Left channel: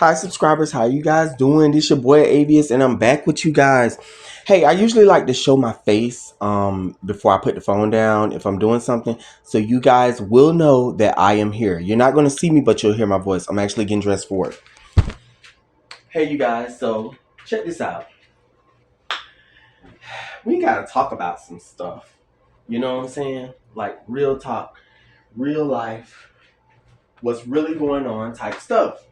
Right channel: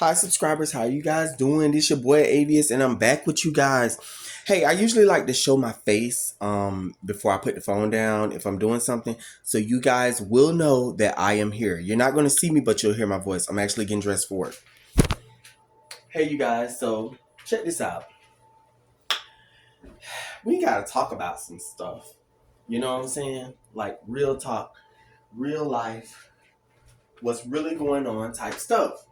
Hi subscribers, how you guys doing? This your boy Avius and I'm back with you guys. Hey, I usually like to show my face before I put the phone down if I'm doing something, so you guys will know that I am here. You're not going to see me, but you'll hear my voice. I'm actually getting dressed for it. Hey you guys, so check this out. We got to talk about some stuff. You know what I'm saying? Like real talk, real life, what's really going on type stuff.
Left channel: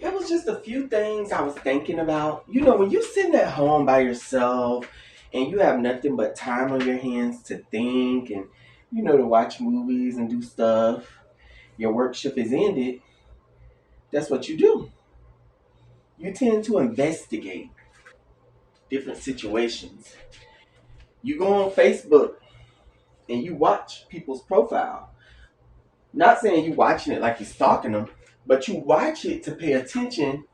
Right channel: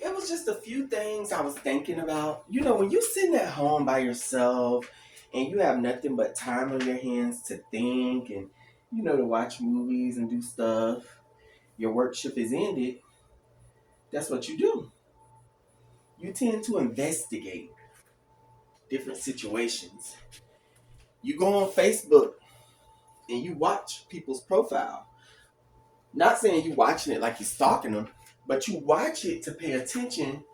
It was just a few things I was thinking about. You know, when you're sitting at home by yourself and you have nothing but time on your hands to think and, to watch movies and do stuff, your work shift is ended, that's what you do. You tend to investigate different situations. You go on Facebook and you watch people's profile. Not saying you watching it like you're stalking them, but you watch it to pay attention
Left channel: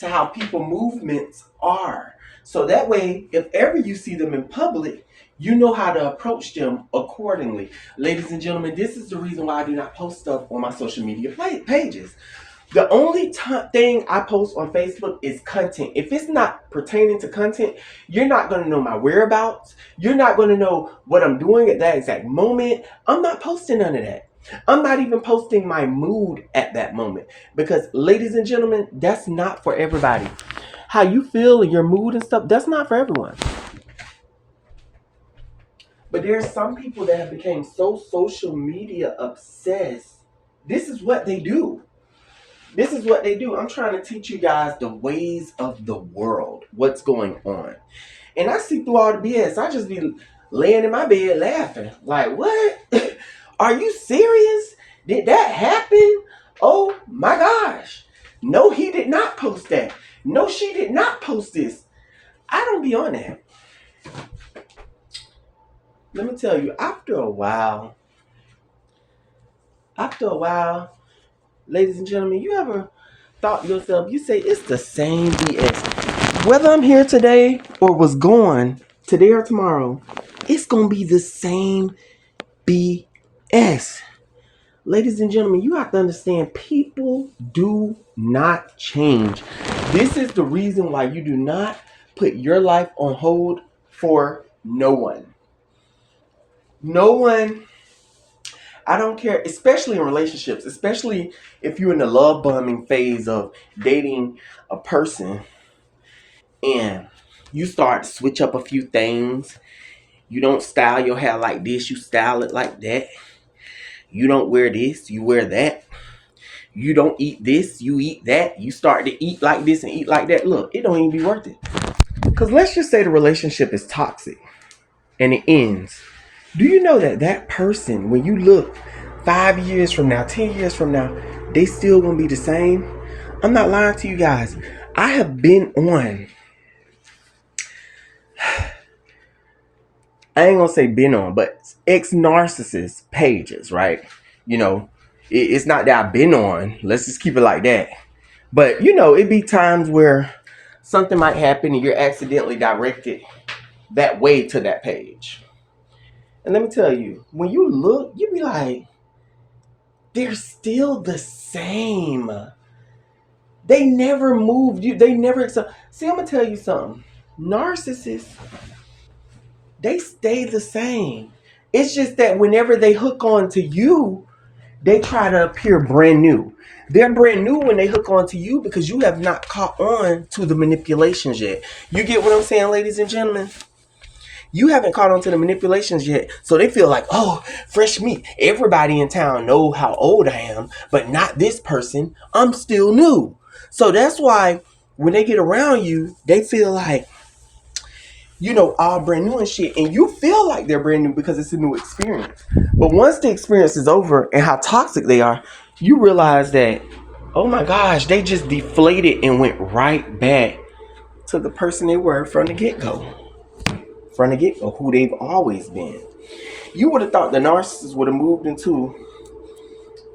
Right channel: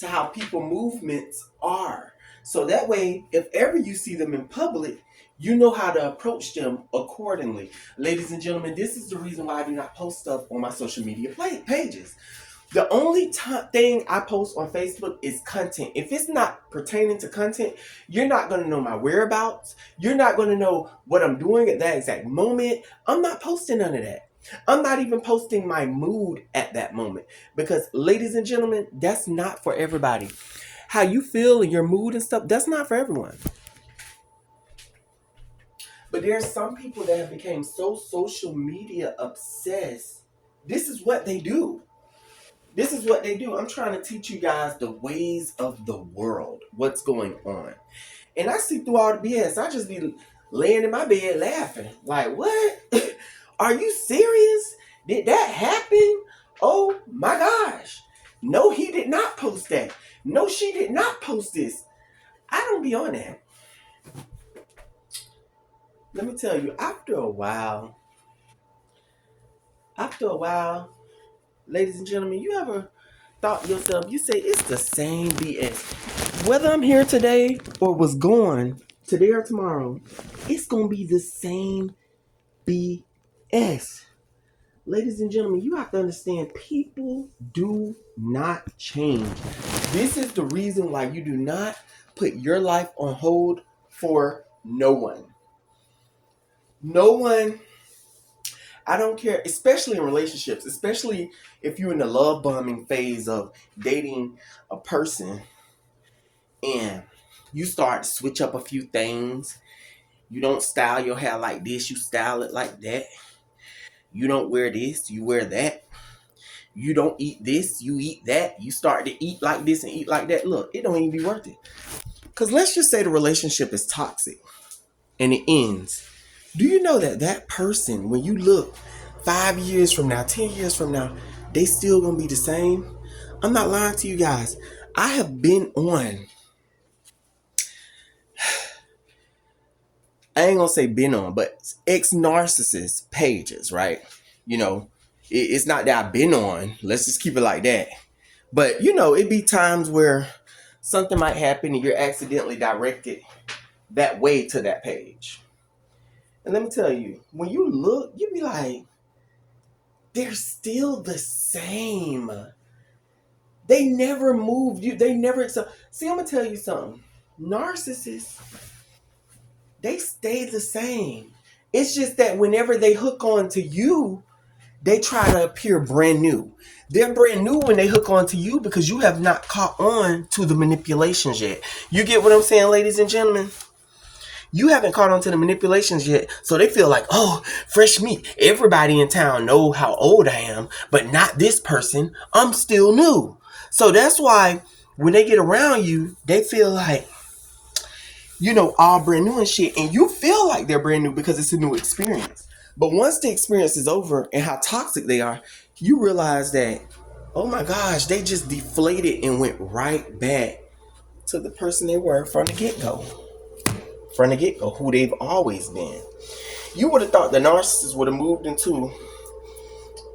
to how people movements are. So that way, if ever you see them in public, you know how to approach them accordingly. Ladies and gentlemen, this is the reason why I do not post stuff on my social media pages. The only thing I post on Facebook is content. If it's not pertaining to content, you're not going to know my whereabouts. You're not going to know what I'm doing at that exact moment. I'm not posting none of that. I'm not even posting my mood at that moment because, ladies and gentlemen, that's not for everybody. How you feel and your mood and stuff, that's not for everyone. But there's some people that have become so social media obsessed. This is what they do. This is what they do. I'm trying to teach you guys the ways of the world, what's going on. And I see through all the BS. I just be laying in my bed laughing. Like, what? Are you serious? Did that happen? Oh my gosh. No, he did not post that. No, she did not post this. I don't be on that. Let me tell you, after a while, ladies and gentlemen, you ever thought to yourself, you say it's the same BS. Whether I'm here today or was gone today or tomorrow, it's going to be the same BS. Ladies and gentlemen, you have to understand people do not change. This is the reason why you do not put your life on hold for no one. No one. I don't care, especially in relationships, especially if you're in the love bombing phase of dating a person and you start to switch up a few things. You don't style your hair like this, you style it like that. You don't wear this, you wear that. You don't eat this, you eat that. You start to eat like this and eat like that. Look, it don't even be worth it. Because let's just say the relationship is toxic and it ends. Do you know that that person, when you look 5 years from now, 10 years from now, they still gonna be the same? I'm not lying to you guys. I have been on, I ain't gonna say been on, but ex-narcissist pages, right? It's not that I've been on. Let's just keep it like that. But, it be times where something might happen and you're accidentally directed that way to that page. And let me tell you, when you look, you be like, they're still the same. They never moved you. They never accept. See, I'm gonna tell you something. Narcissists, they stay the same. It's just that whenever they hook on to you, they try to appear brand new. They're brand new when they hook on to you because you have not caught on to the manipulations yet. You get what I'm saying, ladies and gentlemen? You haven't caught on to the manipulations yet, so they feel like, oh, fresh meat. Everybody in town know how old I am, but not this person. I'm still new. So that's why when they get around you, they feel like, all brand new and shit, and you feel like they're brand new because it's a new experience. But once the experience is over and how toxic they are, you realize that, oh my gosh, they just deflated and went right back to the person they were from the get-go. Who they've always been. You would have thought the narcissist would have moved into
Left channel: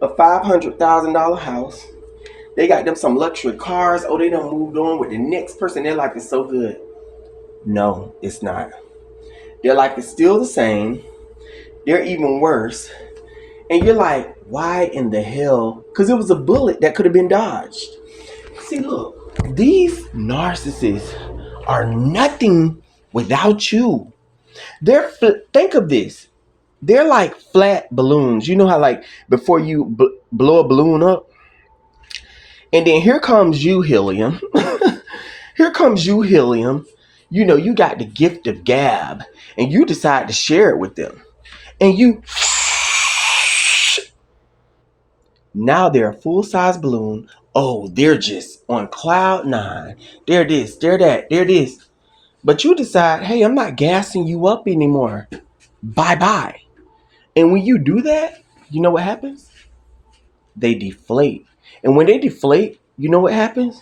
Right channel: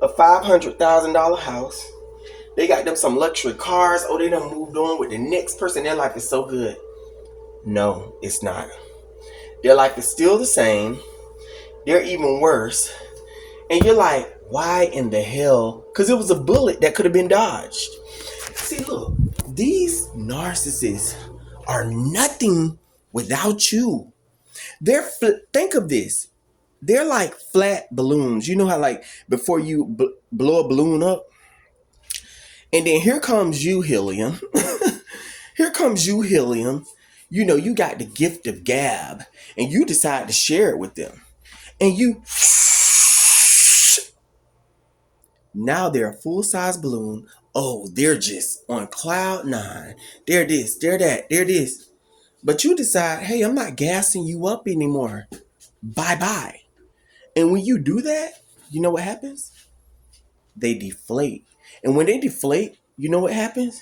a $500,000 house. They got them some luxury cars. Oh, they done moved on with the next person. Their life is so good. No, it's not. Their life is still the same. They're even worse. And you're like, why in the hell? Because it was a bullet that could have been dodged. See, look, these narcissists are nothing without you. Think of this. They're like flat balloons. You know how like before you blow a balloon up, and then here comes you, helium. Here comes you, helium. You know, you got the gift of gab, and you decide to share it with them. And you, now they're a full-size balloon. Oh, they're just on cloud nine. They're this, they're that, they're this. But you decide, hey, I'm not gassing you up anymore. Bye-bye. And when you do that, you know what happens? They deflate. And when they deflate, you know what happens?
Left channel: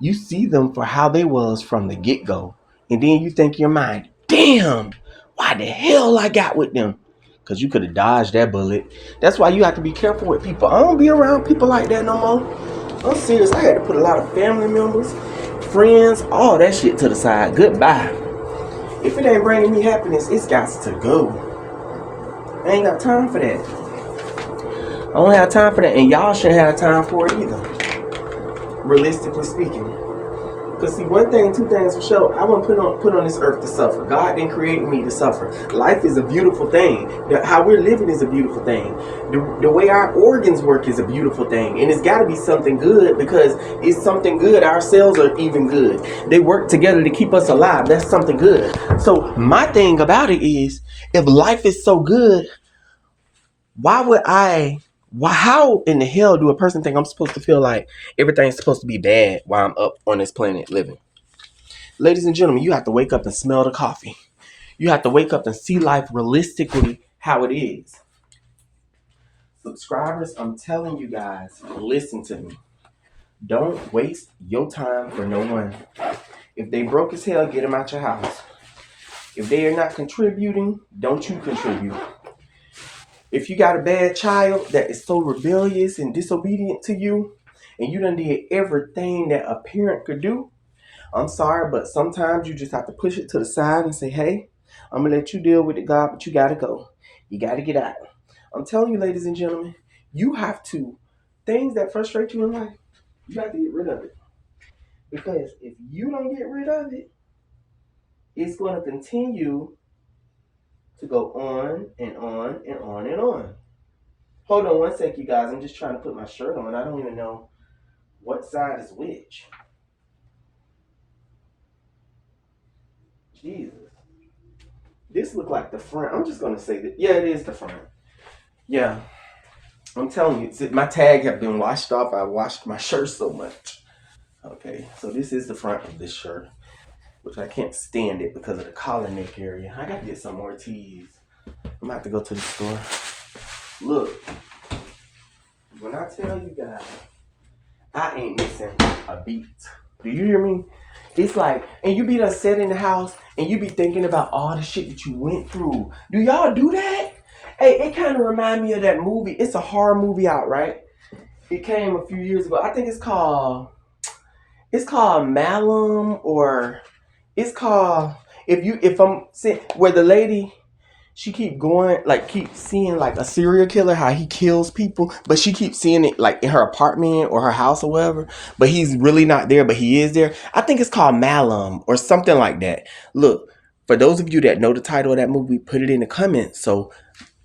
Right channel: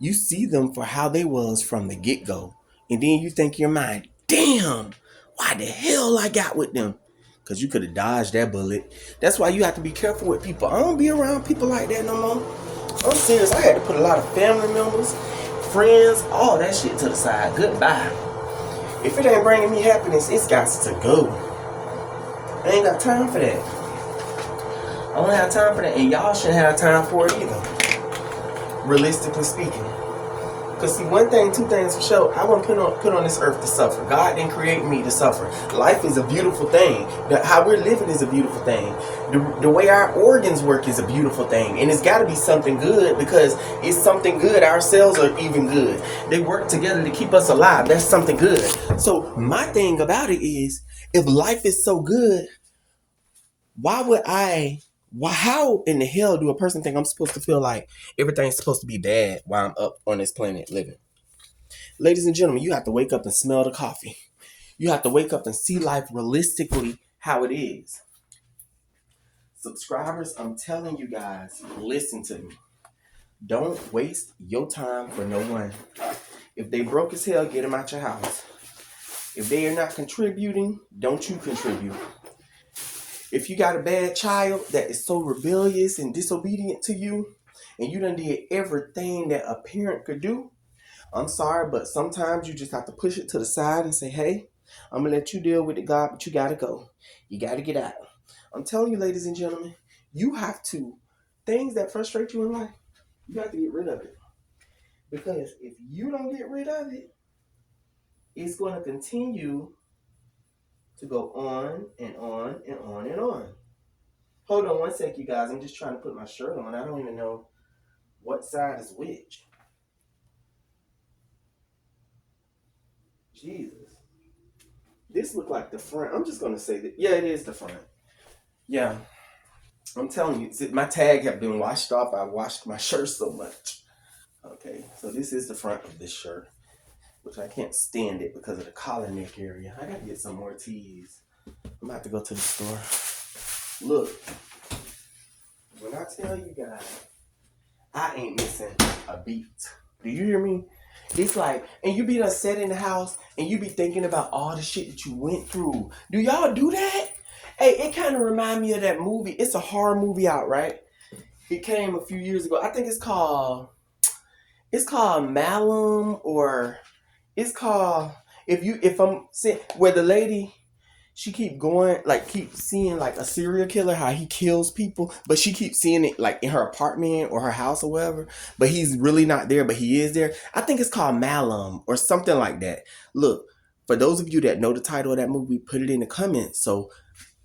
You see them for how they was from the get-go. And then you think in your mind, damn, why the hell I got with them? Because you could have dodged that bullet. That's why you have to be careful with people. I don't be around people like that no more. I'm serious. I had to put a lot of family members, friends, all that shit to the side. Goodbye. If it ain't bringing me happiness, it's got to go. I ain't got time for that. I don't have time for that. And y'all shouldn't have time for it either. Realistically speaking. Because see, one thing, two things for sure, I wasn't put on this earth to suffer. God didn't create me to suffer. Life is a beautiful thing. How we're living is a beautiful thing. The way our organs work is a beautiful thing. And it's got to be something good, because it's something good. Our cells are even good. They work together to keep us alive. That's something good. So my thing about it is, if life is so good, how in the hell do a person think I'm supposed to feel like everything's supposed to be bad while I'm up on this planet living? Ladies and gentlemen, you have to wake up and smell the coffee. You have to wake up and see life realistically how it is. Subscribers, I'm telling you guys, listen to me. Don't waste your time for no one. If they broke as hell, get them out your house. If they are not contributing, don't you contribute. If you got a bad child that is so rebellious and disobedient to you, and you done did everything that a parent could do, I'm sorry, but sometimes you just have to push it to the side and say, hey, I'm going to let you deal with it, God, but you got to go. You got to get out. I'm telling you, ladies and gentlemen, you have to, things that frustrate you in life, you have to get rid of it. Because if you don't get rid of it, it's going to continue to go on and on and on and on. Hold on one sec, you guys. I'm just trying to put my shirt on. I don't even know what side is which. Jesus. This look like the front. I'm just going to say that. Yeah, it is the front. Yeah. I'm telling you, my tag have been washed off. I washed my shirt so much. Okay, so this is the front of this shirt, which I can't stand it because of the collar neck area. I got to get some more tees. I'm going to have to go to the store. Look, when I tell you guys, I ain't missing a beat. Do you hear me? It's like, and you be done set in the house, and you be thinking about all the shit that you went through. Do y'all do that? Hey, it kind of remind me of that movie. It's a horror movie out, right? It came a few years ago. I think it's called Malum, or it's called, where the lady, she keep seeing like a serial killer, how he kills people, but she keeps seeing it like in her apartment or her house or whatever, but he's really not there, but he is there. I think it's called Malum or something like that. Look, for those of you that know the title of that movie, put it in the comments so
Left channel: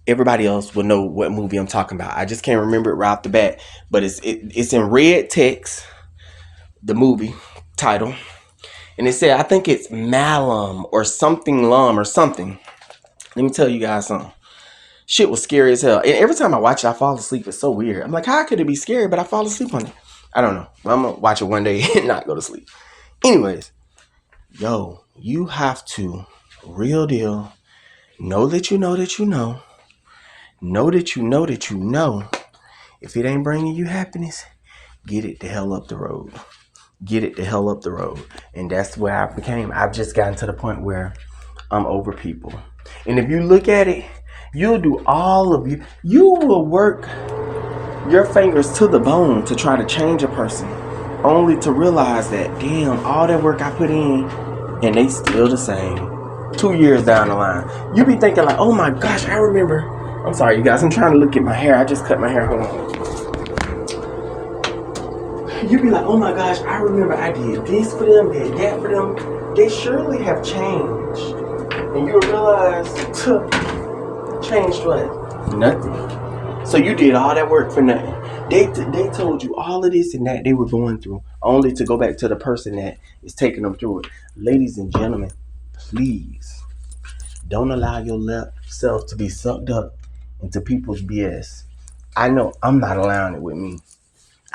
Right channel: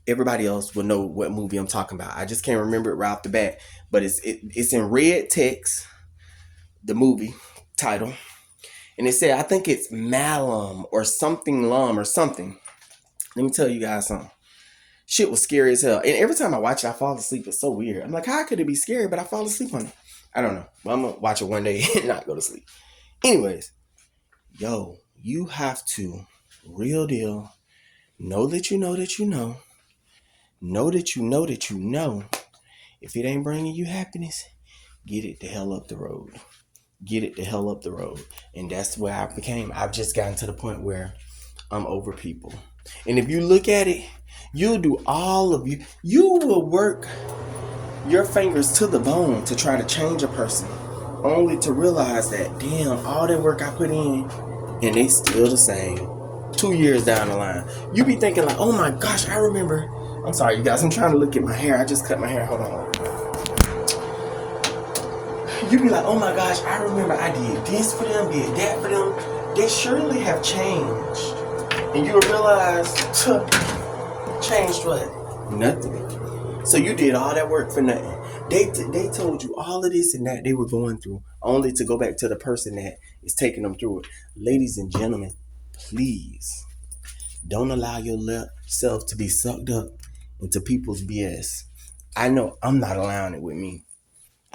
everybody else will know what movie I'm talking about. I just can't remember it right off the bat, but it's in red text, the movie title, and it said, I think it's Malum or something Lum or something. Let me tell you guys something. Shit was scary as hell. And every time I watch it, I fall asleep. It's so weird. I'm like, how could it be scary, but I fall asleep on it? I don't know. I'm going to watch it one day and not go to sleep. Anyways, yo, you have to, real deal, know that you know that you know. Know that you know that you know. If it ain't bringing you happiness, get it the hell up the road. Get it the hell up the road. And that's where I've just gotten to the point where I'm over people. And if you look at it, you'll do you will work your fingers to the bone to try to change a person, only to realize that, damn, all that work I put in, and they still the same. 2 years down the line, you be thinking like, oh my gosh, I remember I'm sorry, you guys. I'm trying to look at my hair. I just cut my hair. Hold on. You be like, oh my gosh, I remember I did this for them, did that for them. They surely have changed. And you realize, changed what? Nothing. So you did all that work for nothing. They told you all of this and that they were going through, only to go back to the person that is taking them through it. Ladies and gentlemen, please don't allow yourself to be sucked up into people's BS. I know I'm not allowing it with me.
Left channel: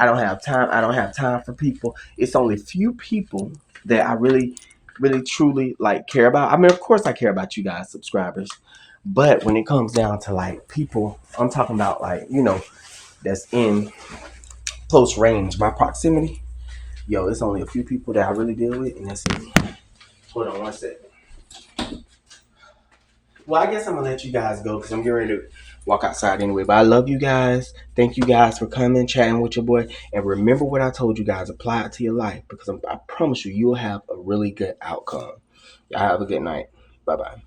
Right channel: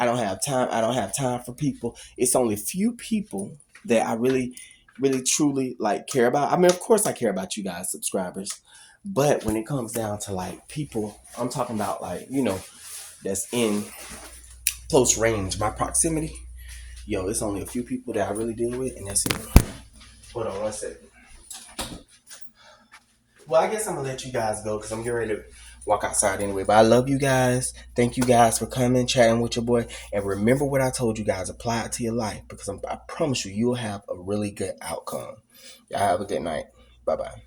I don't have time. I don't have time for people. It's only few people that I really, really, truly like care about. I mean, of course, I care about you guys, subscribers. But when it comes down to like people, I'm talking about like, that's in close range, my proximity. Yo, it's only a few people that I really deal with, and that's it. Hold on one second. Well, I guess I'm gonna let you guys go because I'm getting ready to walk outside anyway. But I love you guys. Thank you guys for coming, chatting with your boy. And remember what I told you guys. Apply it to your life because I promise you, you'll have a really good outcome. Y'all have a good night. Bye bye.